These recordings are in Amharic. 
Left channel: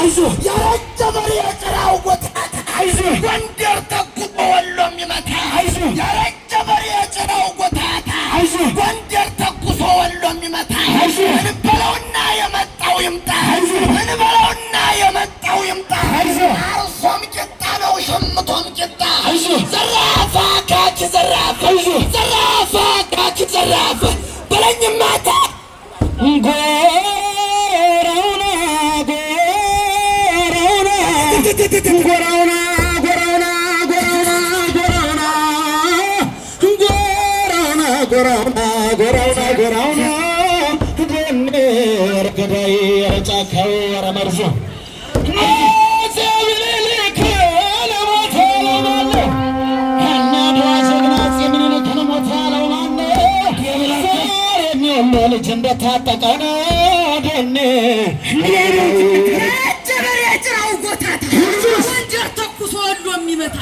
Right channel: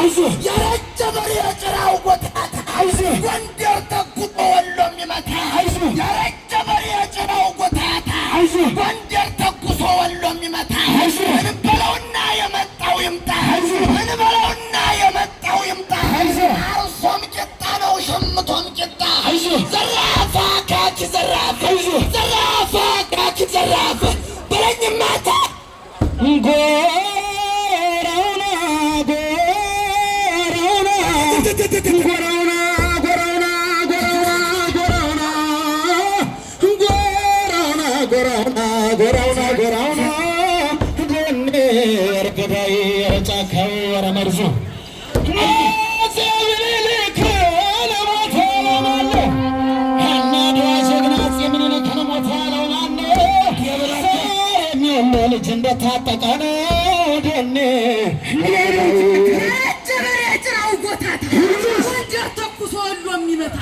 አይዞ ያረጀ በሬ የጭራው ጎታታ ጎንደር ተኩሶ ወሎ የሚመታ ያረጀ በሬ የጭራው ጎታታ ጎንደር ተኩሶ ወሎ የሚመታ እንበለውና የመጣው ይምጣ እንበለውና የመጣው ይምጣ አርሶም ጭጣ ነው ሸምቶም ጭጣ ዘራፋ ካኪ ዘራፍ ዘራፋ ካኪ ዘራፍ በለኝማታ ጎራውና ጎራውና ጎራውና ጎራውና ጎራውና ጎራውና ጎራውና ጎራውና ጎንደር ገዳይ ጫካው ረመርዞ ልጅ እንደታጠቀ ነው ደኔ ጀበሬ ጭራው ጎታታ ወንጀር ተኩሶ ወሎ የሚመታ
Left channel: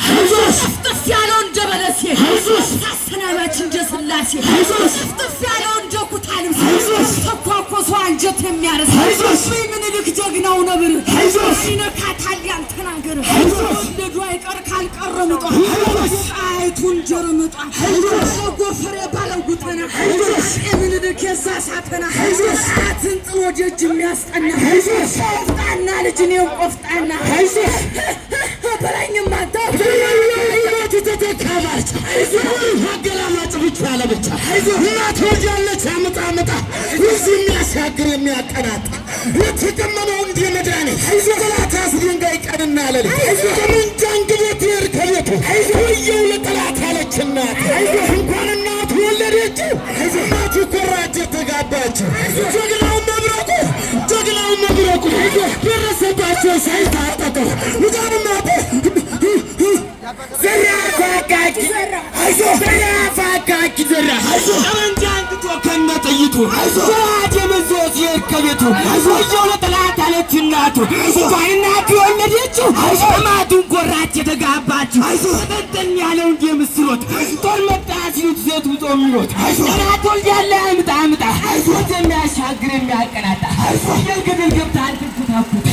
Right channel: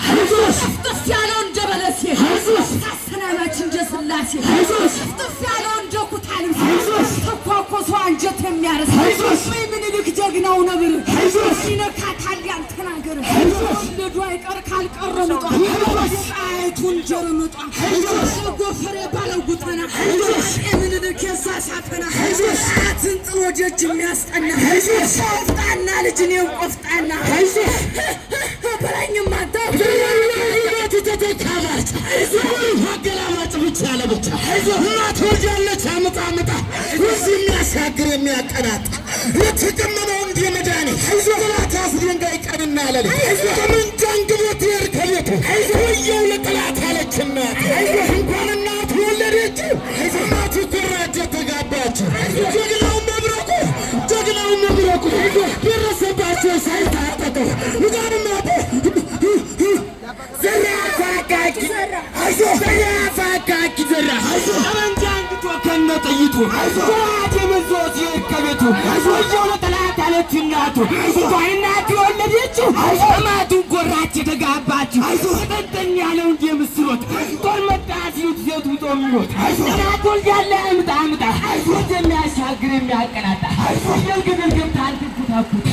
ጥፍ ያለው እንደ በለሴ አሰናባች እንደ ስላሴ ጥፍ ያለው እንደ ኩታንም ተኳኮሶ አንጀት የሚያርስ ምኒልክ ጀግናው ነብር ይነካታል ያንተን አንገር ልጇ ይቀር ካልቀረ ምጧ አይቱን ጆሮ ምጧ ጎፈሬ ባለው ጉጠና ምኒልክ የሳሳተና አትን ጥሎ ደጅ የሚያስጠና ቆፍጣና ልጅ ነው ቆፍጣና በላኝማ ተተካባች አገላማጭ ብቻ ለብቻ እናት ወጃለች አምጣ አምጣ እዚህ የሚያሻግር የሚያቀናጣ ለተቀመመው እንደ መድኃኒት ጠላት አስደንጋይ ቀንና ሌሊት በምንጃን ግቦት ይር ከቤቱ ወየው ለጠላት አለች እናት እንኳን እናት ወለደች እናቱ ኮራጀ ተጋባች ጀግናው መብረቁ ደረሰባቸው ሳይታጠቁ ውጋንማት ዘራፋካኪ ዘራ ጠመንጃንግቶ ከነጥይቱ ፍርሃት የመዞት የከቤቱ ወየው ለጠላት አለች እናቱ ባይናቱ የወለደችው አማቱን ጎራች የተጋባችው ተጠንጠን ያለው እንጂ ምስሮት ጦር መጣ ሲሉት ሴት ውጦ የሚሮት ጠላት ወልዳለ አምጣ አምጣ የሚያሻግር የሚያቀናጣ የግብል ገብታ አልትኩታኩት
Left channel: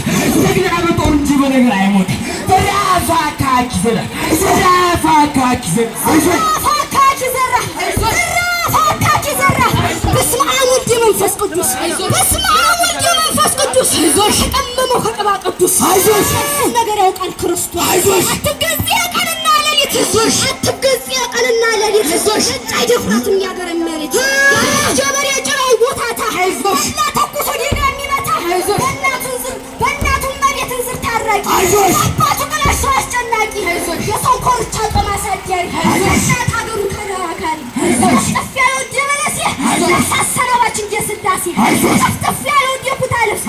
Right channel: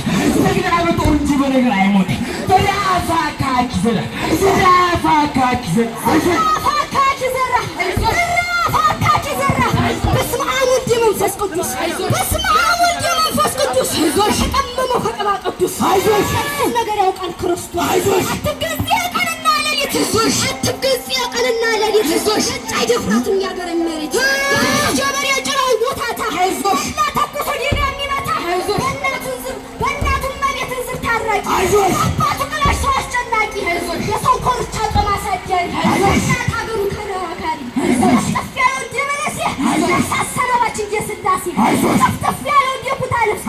ደግና በጦር እንጂ በነገር አይሞት ዘራፋካኪ ዘራ በስመ አብ ወወልድ ወመንፈስ ቅዱስ በስመ አብ ወወልድ ወመንፈስ ቅዱስ ተቀመመው ከቅባ ቅዱስ ነገር ያውቃል ክርስቶስ አትገዚ ቀንና ሌሊት አትገዚ ቀንና ሌሊት አይደፍራትም ያገር መሬት ጀበሬ ጭራው ጎታታ እና ተኩሶ ዲና የሚመታ በእናቱ መሬትን ዝር ታራቂ አባቱ ቅለሽ አስጨናቂ የሰው ኮርቻ በማሳደር እናት ሀገሩ ተራካሪ ጠፍ ያለው እንደ በለሴ አሰናባች እንደ ስላሴ ጠፍ ያለው እንደ ኩታ ልብስ